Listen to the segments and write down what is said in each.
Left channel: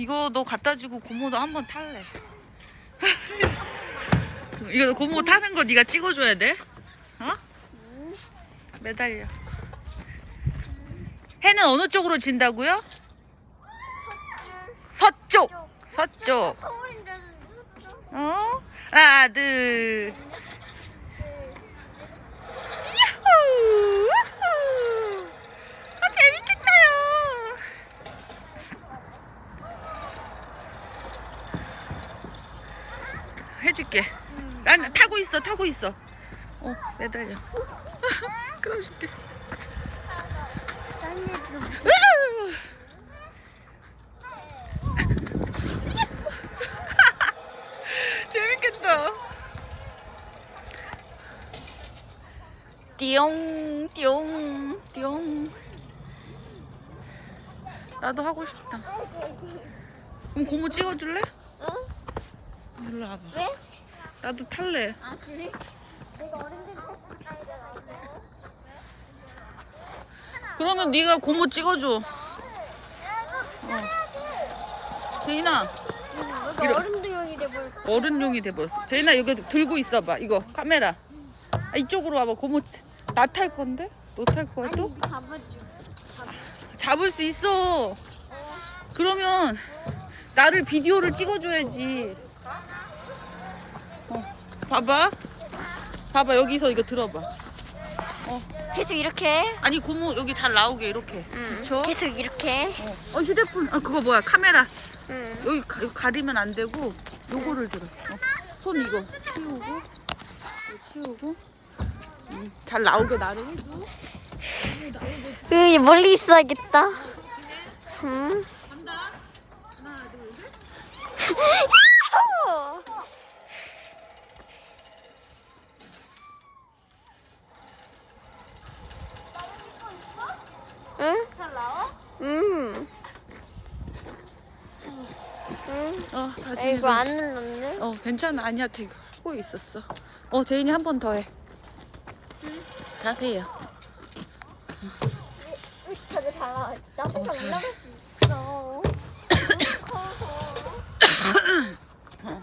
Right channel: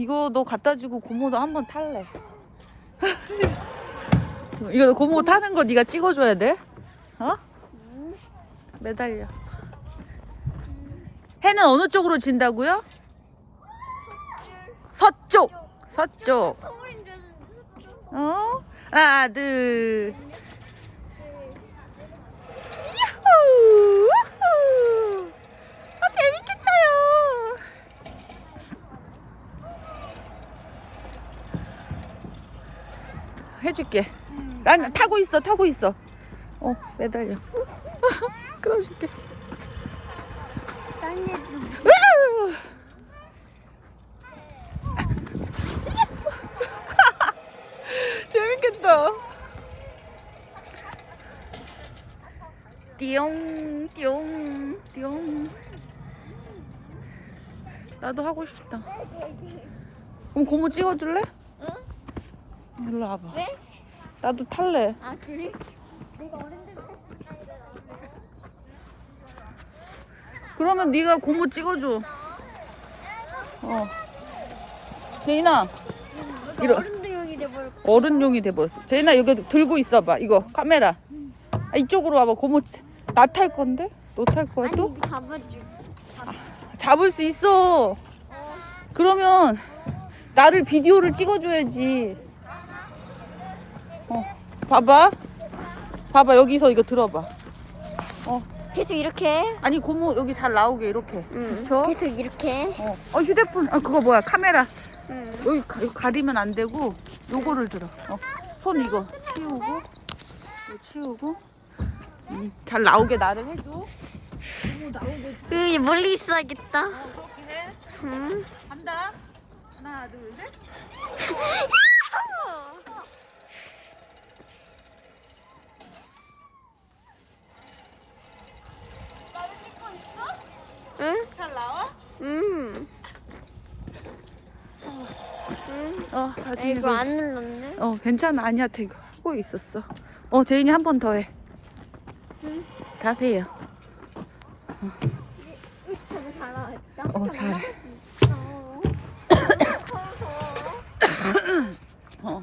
이거 너 갖다 주고 고모도 한번 탈래. 이거 고모 타는 거 네가 찍어줘야 돼. 어? 매달려. 해는 어느 쪽으로 진다고요? 서쪽. 서쪽. 서울인데 무섭죠? 어? 하나, 둘. 야호! 우후! 아, 재밌겠다요. 해줄게. 난 타고 있어, 타고 있어. 어, 매달려. 끌어줄게. 재밌겠다. 띠용, 띠용, 띠용. 나도 하고 싶다. 그럼 고모 찍어줄래? 어? 일로 와봐. 왜? 나도 탈래. 아 그래? 내가 어른들 탈때 나도. 그러면 네가 고모 찍어줘. 어. 제인아, 너도 이러- 어른들용이 돼버렸. 어른용이 돼버렸어. 제인아, 여기 들고 있어봐. 이거 카메라. 아, 이쪽으로 와봐. 고모 나탈 건데? 너 탈 거야 아니 또? 이거 잡아줘. 잡을 수 있어. 어. 그러면 나를 비디오를 찍어줘야지. 어, 봐봐. 봐봐 여기서 이거 들어봐. 계속 이렇게. 아니 고모 여기 잘 나오게 이렇게. 응. 그쵸? 계속 이렇게. 어, 어 휴대폰. 아 그거 뭐야 카메라. 응. 여기 가, 이거 가리면 안 되고 요거를 들어. 어, 손 이거 치우고 이거 치우고. 음, 잘 나오게 나를 해줘. 여기 멀리 있어야겠다. 응. 간다. 하나 둘 셋. 응? 잘 나와? 응. 응. 어. 다 아이고 안 눌렀네. 어 괜찮아 아니야 되게 하고 있었어 어 대인이 한 번 더해 다 돼요 저도 잘 나와. 나 어, 혼자 잘. 올라갈 수 있어. 너무 커서. 어.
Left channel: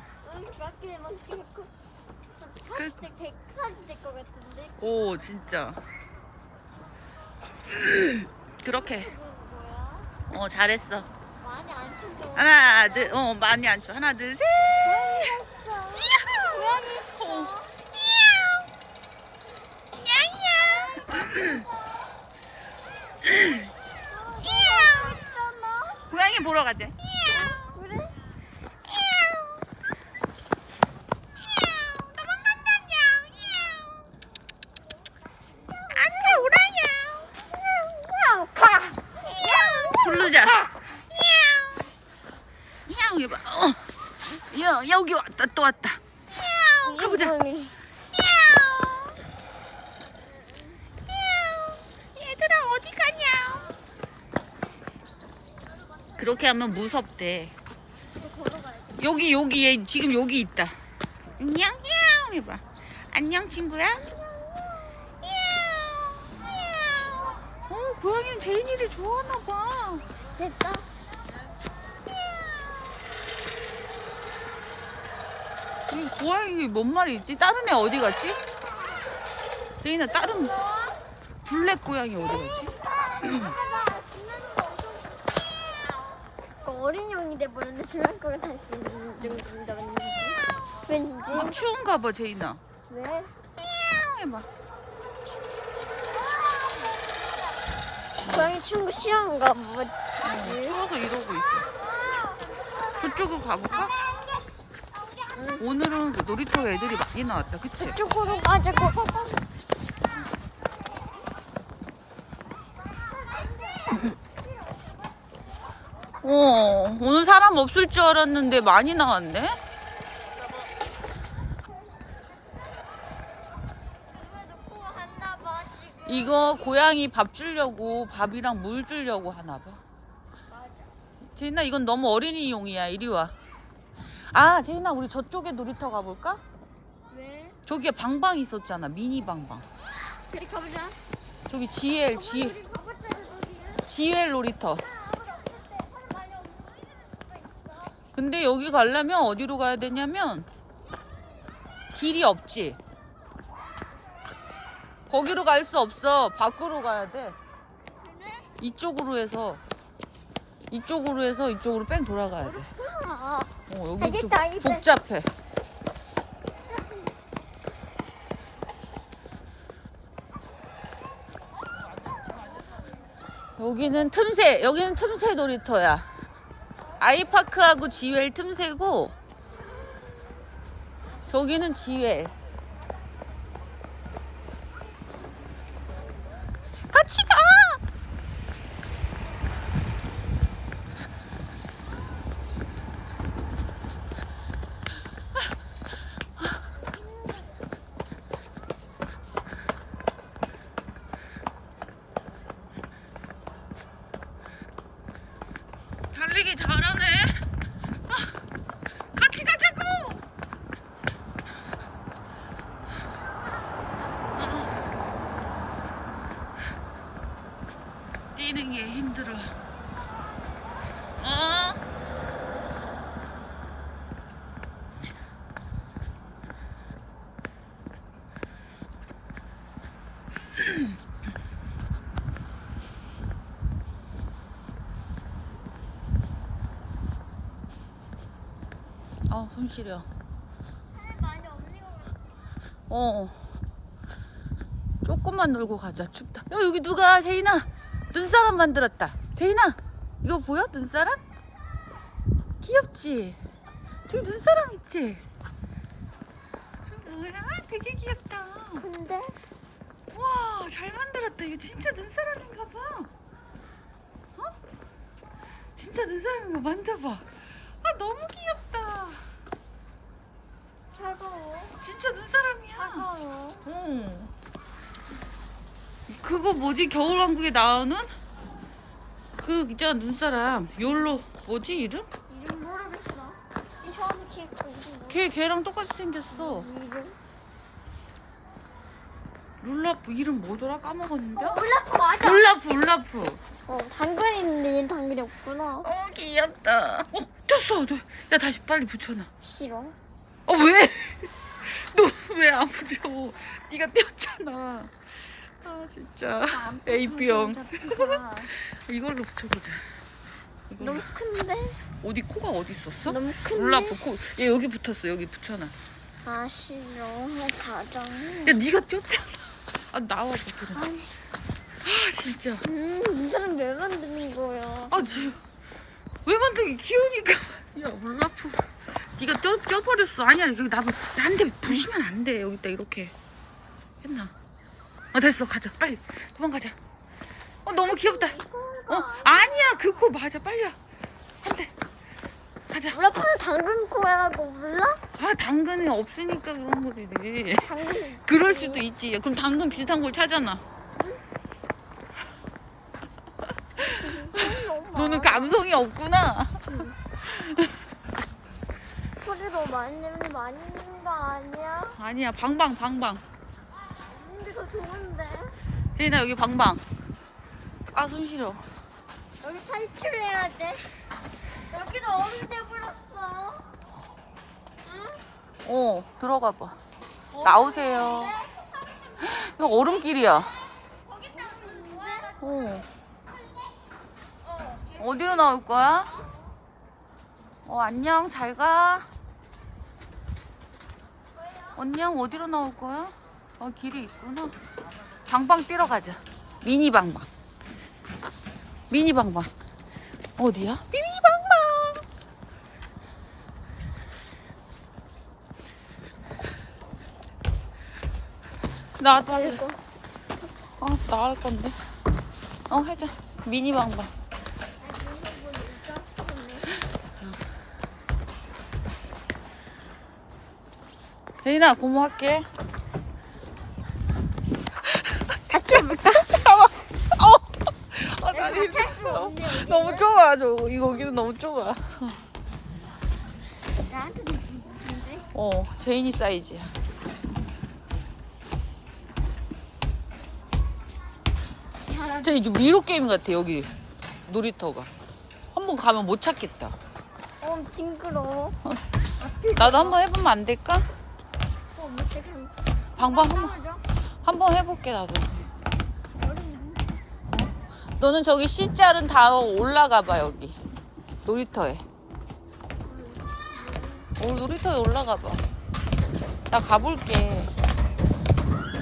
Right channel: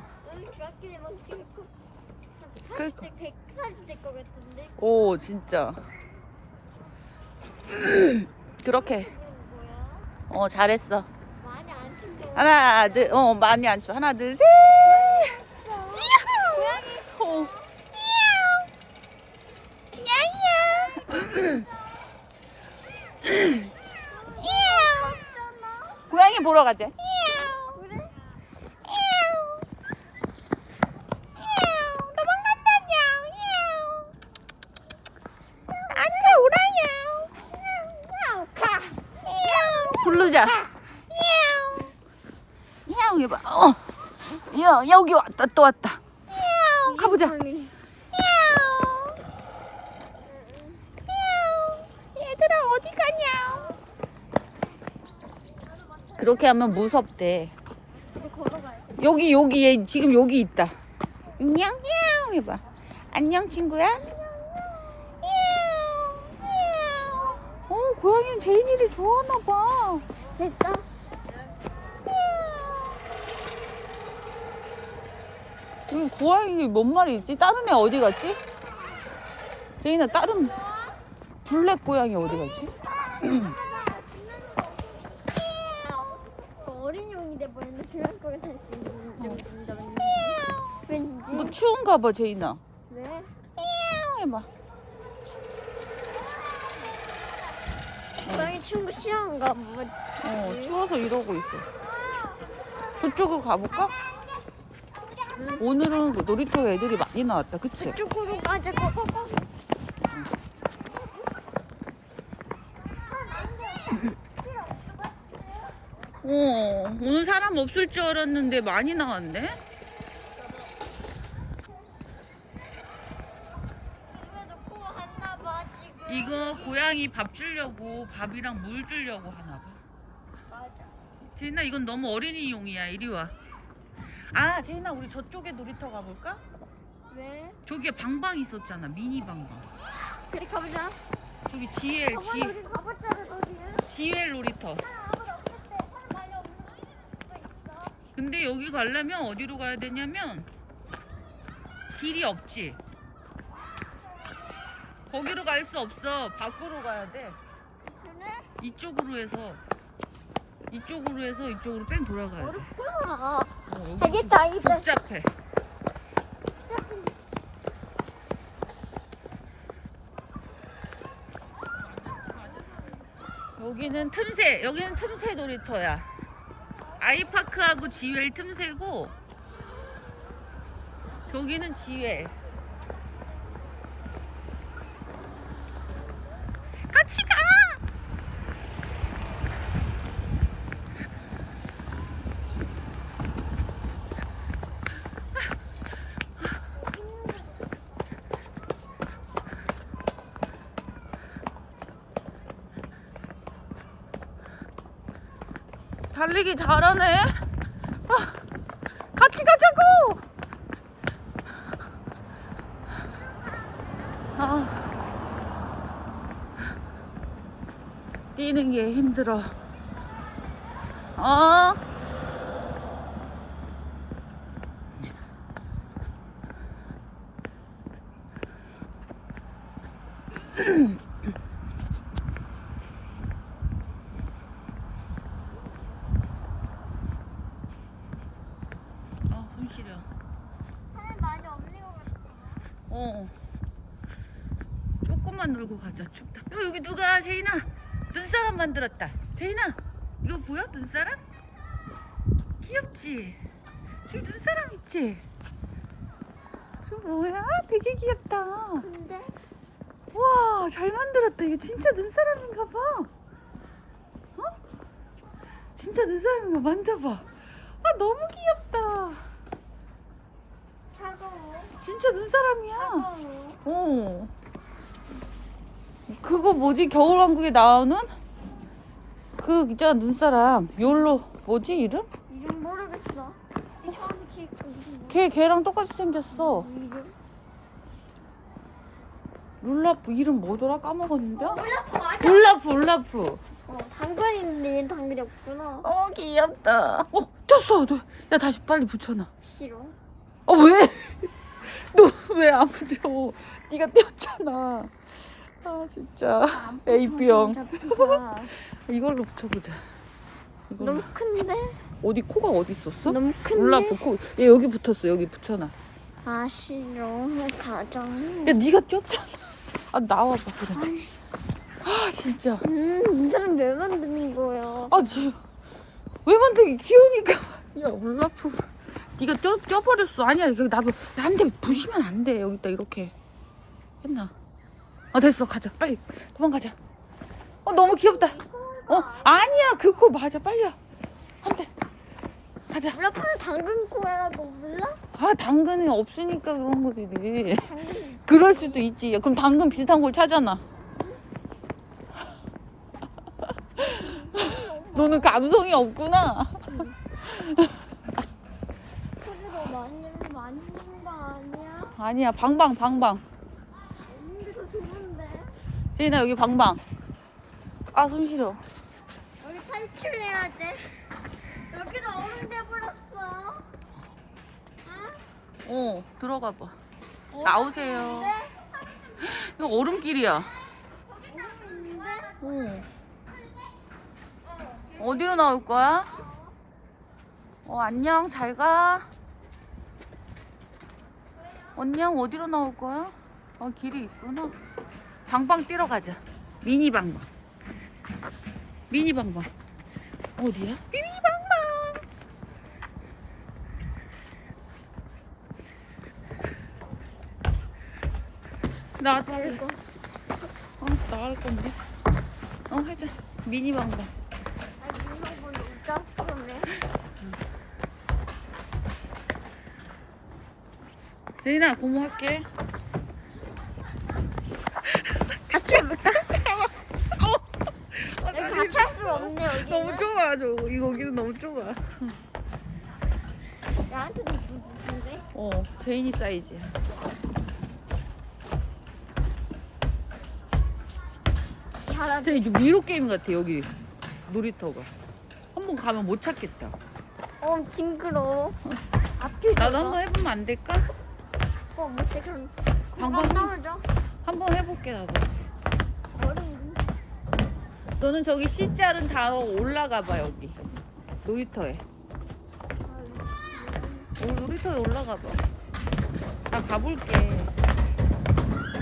중학교에 찍고. 그러니까. 같은데. 오 진짜 그렇게? 어 잘했어 많이 안 춘다. 하나 둘 어 많이 안쳐 하나 둘 셋 고양이. 어. 고양이 보러 가자 그래? 부르자 야옹 해봐 어. 야 여기 왔다 또 왔다. 가보자. 얘들아 어디 가냐? 그렇게 하면 무섭대. 여기 여기 얘 지금 여기 있다. 안녕 야옹 해봐. 안녕 친구야. 어 고양이는 제인이를 좋아하나 봐. 됐다. 음, 고양이 뭔 말이 있지? 다른 애 어디 갔지? 제인아 다른 블랙 고양이 어디 갔지? 어린이용이 돼버렸는데 중학교에 왠지. 너 추운가 봐 제인아 왜? 야옹 해봐 고양이 추운 거 싫어하는가 봐. 어, 추워서 이러고 있어. 그쪽으로 가볼까? 오늘은 그 놀이터 애들이 많이 나왔다, 그치? 그쪽으로 가자. 고고고. 어, 오늘 사람 없을 줄 알았는데 많이 나왔네? 이거 고양이 밥 주려고, 밥이랑 물 주려고 하나 봐. 맞아. 제인아, 이건 너무 어린이용이야. 이리 와. 아, 제인아, 우리 저쪽에 놀이터 가볼까? 왜? 저기에 방방 있었잖아, 미니 방방. 그래 가보자. 저기 GL, G, 우리 가봤잖아. GL 놀이터. 아무도 없을 때 사람 많이 없는 거. 근데 여기 가려면 어디로 가야 되냐면 길이 없지. 거기로 갈 수 없어. 밖으로 가야 돼. 그래? 이쪽으로 해서 이쪽으로 해서 이쪽으로 뺑 돌아가야 돼. 아, 어, 여기 좀 알겠다, 알겠다. 복잡해. 여기는 틈새, 여기는 틈새 놀이터야. 아이파크하고 지웰 틈새고, 저기는 지웰. 같이 가! 달리기 잘하네. 아, 같이 가자고. 아, 뛰는 게 힘들어. 어? 아, 손 시려. 사람 많이 없는 것 같아. 어. 조금만 놀고 가자. 춥다. 야, 여기 누가? 제인아. 눈사람 만들었다. 제인아. 이거 보여? 눈사람? 귀엽지? 저기 눈사람 있지? 저 뭐야? 되게 귀엽다. 근데 와, 잘 만들었다. 이거 진짜 눈사람인가 봐. 어? 진짜 눈사람인가 만져봐. 아, 너무 귀엽다. 진짜 눈사람이야. 어. 그거 뭐지? 겨울왕국에 나오는? 그 있잖아 눈사람. 욜로 뭐지 이름? 이름 모르겠어. 이 처음 이름 걔 걔랑 똑같이 생겼어. 이름. 룰라프 이름 뭐더라? 까먹었는데? 어, 올라프 맞아. 울라프 울라프. 어, 얘는 당근이 없구나. 어 귀엽다. 어. 너, 야 다시 빨리 붙여놔. 싫어. 어 왜? 너 왜안 붙여? 네가 떼었잖아. 아 진짜. A병. 이걸로 붙여보자. 이걸로. 너무 큰데? 어디 코가 어디 있었어? 너무 큰데? 울라프 코. 얘 여기 붙었어. 여기 붙여놔. 아 싫어. 가자. 야 네가 뛰었잖아. 아 나와봐 그럼. 아니, 아 진짜. 음, 이 사람 왜 만드는 거야? 아 지금 왜 만들기 귀여우니까. 야 울라프. 네가 뛰어 뛰어버렸어. 아니야 여기 나도 나한테 부시면 안 돼. 여기다 이렇게 했나? 아 됐어 가자 빨리 도망가자. 어 너무 귀엽다. 어 아니야 그코 맞아 빨리 와. 한대 가자. 올라프는 당근 코야고 몰라? 아 당근이 없으니까 그런 거지. 당근. 그럴 수도 있지. 그럼 당근 비슷한 걸 찾아놔. 너는 감성이 없구나. 소리도 많이 내면 많이 친거 아니야? 아니야, 방방, 방방. 없는데 더 좋은데. 제인아, 여기 방방. 아, 손 시려. 여기 탈출해야 돼. 여기도 얼음 돼버렸어. 응? 어, 들어가 봐. 나오세요. 이거 얼음길이야. 있는데? 어. 어디로 나올 거야? 어, 안녕, 잘 가. 안녕, 어디로 나올 거야? 어, 길이 있구나. 방방 뛰러 가자. 미니 방방. 미니 방방. 어디야? 미니 방방. 나도 할래. 어, 나갈 건데. 어, 하자. 미니 방방. 아, 이런 거 진짜 그러네. 제인아, 고모할게. 같이 못 차? 어, 나 같이 할수 없네, 여기는. 너무 좁아, 저 여기는 너무 좁아. 나한테도 무슨데? 어, 제인이 사이즈야. 야, 저 이게 미로 게임 같아 여기 놀이터가. 한 번 가면 못 찾겠다. 어, 어 징그러워. 앞에 나도 한 번 해보면 안 될까? 어 못해 그럼. 방법 한, 떨어져. 한번 해볼게 나도. 너는 저기 C자른 다 올라가 봐 여기 놀이터에. 오, 놀이터에 올라가 봐. 나 가볼게.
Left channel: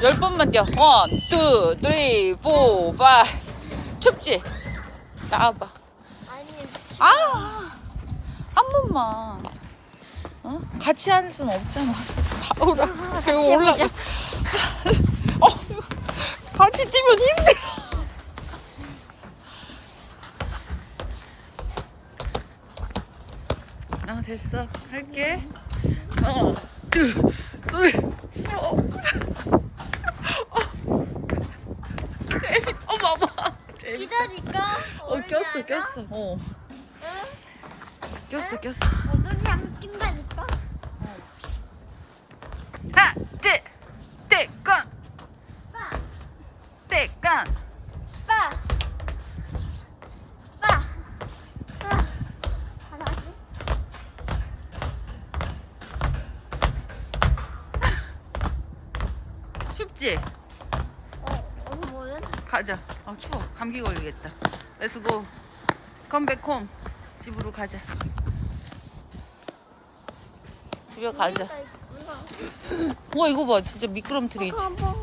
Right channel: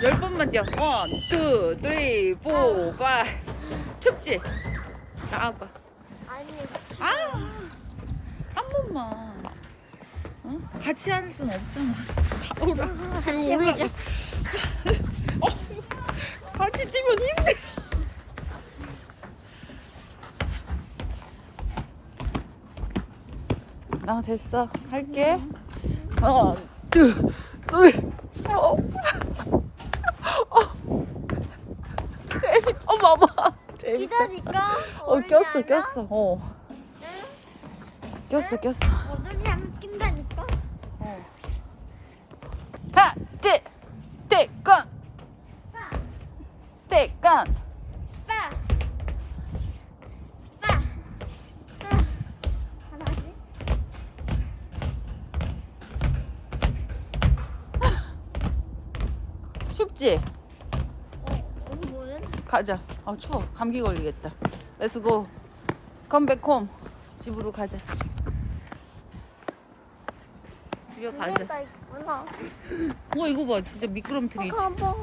열 번만 뛰어. 원, 투, 쓰리, 포, 파이. 춥지? 나와봐. 아니 아, 한 번만. 어? 같이 할 수는 없잖아. 바로 나. 이거 올라가. 어, 같이 뛰면 힘들어. 나 됐어. 할게. 어, 둘, 셋. 어. 어. 재밌, 어, 봐봐. 재밌다. 기다릴까? 어, 꼈어, 꼈어. 어, 응? 꼈어, 꼈어. 어른이 하면 낀다니까. 어. 하나, 둘, 셋, 건. 빠, 셋, 건. 빠, 빠, 빠. 하나씩. 춥지? 어, 어디 뭐는? 가자. 아, 추워. 감기 걸리겠다. 렛츠고. 컴백 홈. 집으로 가자. 집에 가자. 있구나. 와, 이거 봐. 진짜 미끄럼틀이지. 가방.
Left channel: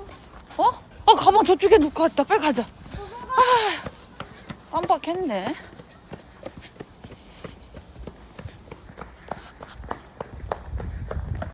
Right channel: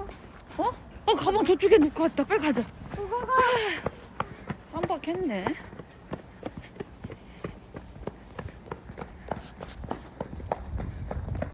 어? 아, 가방 저쪽에 놓고 왔다. 빨리 가자. 그건가? 깜빡했네.